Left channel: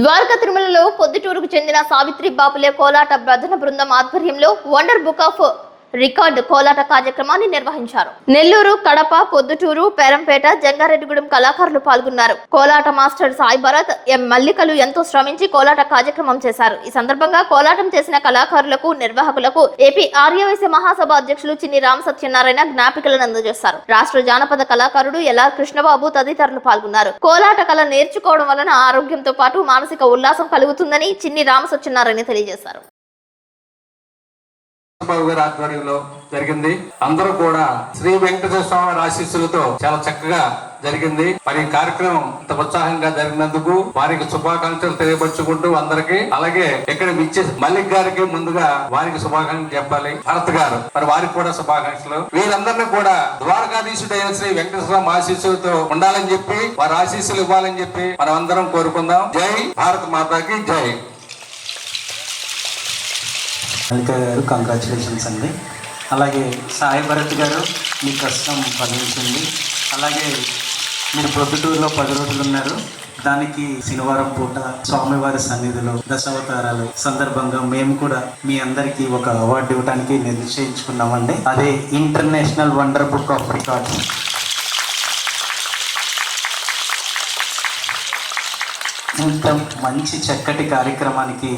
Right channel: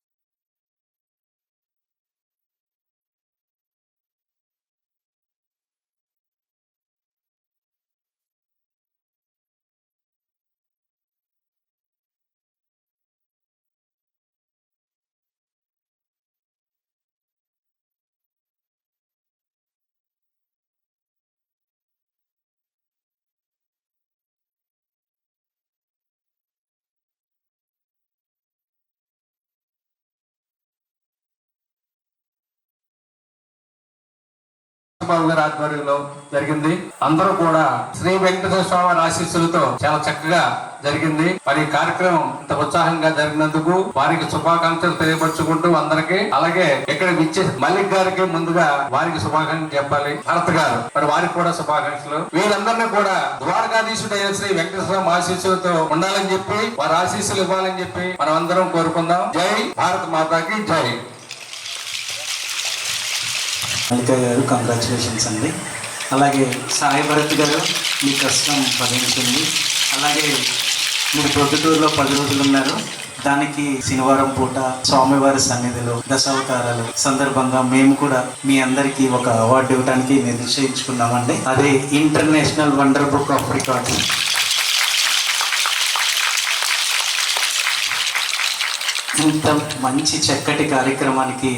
ద్వారకా తిరుమలలో పొద్దుటూరుకు చెందిన సావిత్రి బాపులే కోలాట భజన బృందం ఆధ్వర్యంలో వండర్ బుక్ ఆఫ్ రికార్డ్ కోలాట కార్యక్రమాన్ని నిర్వహించారు. నెల్లూరు, కడప, పొద్దుటూరు, పేరంపేట, జంగారెడ్డిగూడెం కళాకారులు పాల్గొన్నారు. కోలాట మాస్టర్ సాయి భరత్, ఎం మల్లికలు ఎంతో శ్రమించి కోలాట కార్యక్రమం చేశారు. ఈ సందర్భంగా కోలాటం చేసిన కళాకారులకు, నిర్వాహకులకు ఏపీ ఆర్యవైశ్య మహాసభ అధ్యక్షులు చిన్ని రామ సత్యనారాయణ జ్ఞాపికలను అందజేశారు. రాష్ట్ర జానపద కళాకారుడు ఎల్ఆర్ కృష్ణబాబు తదితరులు పాల్గొన్నారు. కోలాట కళ నేర్చుకోవడం వలన ఆరోగ్యంతో పాటు మానసిక ఉల్లాసం కలుగుతుందని చిన్ని రామ సత్యనారాయణ తెలియజేశారు. బాబు గారి ఆధ్వర్యంలో జరిగింది. అందరూ కూడా శ్రీ వెంకటేశ్వర స్వామి ఆశీస్సులతో చాలా చక్కగా జరిగింది. మరి కార్యక్రమం ఇంత ఉత్సాహంగా జరిగినందుకు వారికి శుభాకాంక్షలు తెలియపరుచుకుంటూ అందరికి, అలాగే ఇక్కడ ఇచ్చే మల్లిక్ గారికి ముందుగా వారికి శుభాకాంక్షలు చెప్పాలి. భరత్ గారు మరి వారికి కూడా శుభాకాంక్షలు. వీరందరినీ కూడా ద్వారకాధీశుడైన శ్రీ వెంకటేశ్వర స్వామి ఆశీస్సులతో ఉండాలని చెప్పి, వారి ఆశీస్సులు ఇవ్వాలని చెప్పి మనం అందరం కోరుకుందాం. జై భారత్ మాతాకి జై. మల్లిక గారు కంగ్రాచులేషన్స్ అండి. అలాగే సాయి భరత్ గారు మీ కష్టం ఫలించింది. అలాగే మీరు ప్రొద్దుటూరులో 10 రోజులు ఉన్నారు. దానికి శనివారం పూట స్వామివారి సన్నిధిలో దశావతారాలు సందర్భంగా మేము కూడా మీ అందరికీ ఒక అవార్డు ఇవ్వడానికి నిశ్చయించుకున్నామండి. అదే international wonder book of records. ఇంత మంచి చక్కటి కార్యక్రమానికి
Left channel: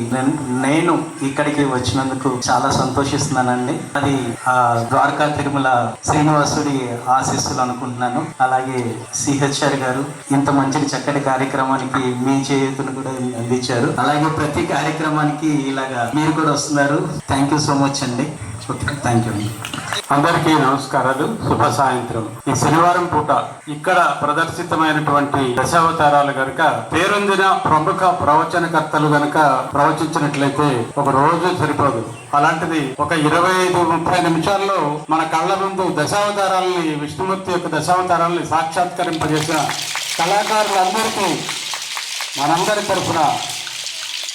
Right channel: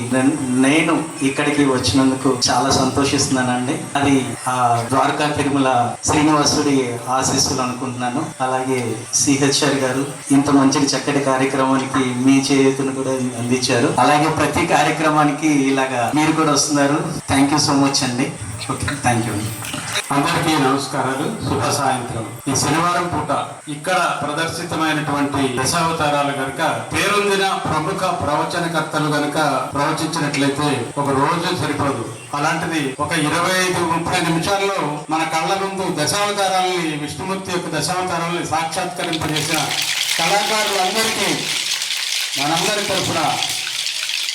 నేను ఇక్కడికి వచ్చినందుకు చాలా సంతోషిస్తున్నానండి. అది ఆ ద్వారకా తిరుమల శ్రీనివాసుడి ఆశీస్సులు అనుకుంటున్నాను. అలాగే సిహెచ్ఆర్ గారు ఇంత మంచి చక్కటి కార్యక్రమానికి మీ చేతులు కూడా అందించారు. అలాగే ప్రతి కార్యక్రమానికి ఇలాగా మీరు కూడా వస్తున్నారు. థ్యాంక్ యూ సో మచ్ అండి. Okay, thank you. అందరికీ నమస్కారాలు, శుభ సాయంత్రం. ఈ శనివారం పూట ఇక్కడ ప్రదర్శితమైనటువంటి దశావతారాలు గనుక పేరొందిన ప్రముఖ ప్రవచనకర్తలు గనుక ప్రవచించినట్లయితే ఒక రోజు సరిపోదు. అలాంటిది ఒక 25-30 నిమిషాల్లో మన కళ్ళ ముందు దశావతారాలని, విష్ణుమూర్తి యొక్క దశావతారాలని సాక్షాత్కరింపజేసిన కళాకారులందరికీ మనందరి తరఫున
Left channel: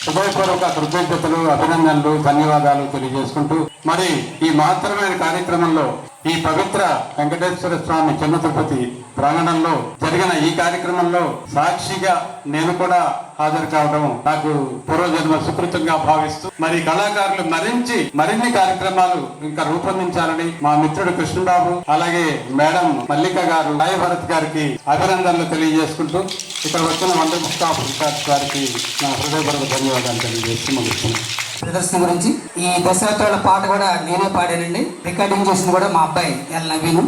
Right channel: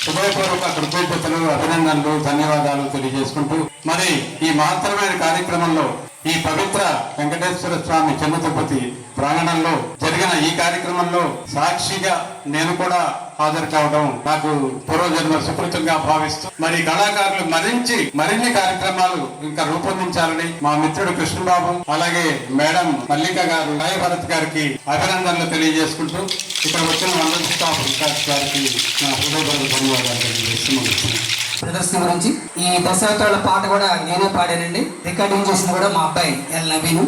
హృదయపూర్వక కృతజ్ఞతలు, అభినందనలు, ధన్యవాదాలు తెలియజేసుకుంటూ, మరి ఈ మహత్తరమైన కార్యక్రమంలో ఈ పవిత్ర వెంకటేశ్వర స్వామి చిన్న తిరుపతి ప్రాంగణంలో జరిగిన ఈ కార్యక్రమంలో సాక్షిగా నేను కూడా హాజరు కావడం నాకు పూర్వజన్మ సుకృతంగా భావిస్తూ, మరి కళాకారులు మరిన్ని కార్యక్రమాలు ఇంకా రూపొందించాలని మా మిత్రుడు కృష్ణబాబు, అలాగే మేడం మల్లిక గారు, సాయి భరత్ గారికి అభినందనలు తెలియజేసుకుంటూ, ఇక్కడ వచ్చిన వండర్ స్టాఫ్ గారికి నా హృదయపూర్వక ధన్యవాదాలు తెలియజేస్తూ ముగిస్తున్నాను. ప్రదర్శన గురించి ఈ దశావతారాల పాట కూడా నేనే పాడానండి. రికార్డింగ్ చేసింది కూడా మా అబ్బాయి ఎల్ నవీన్.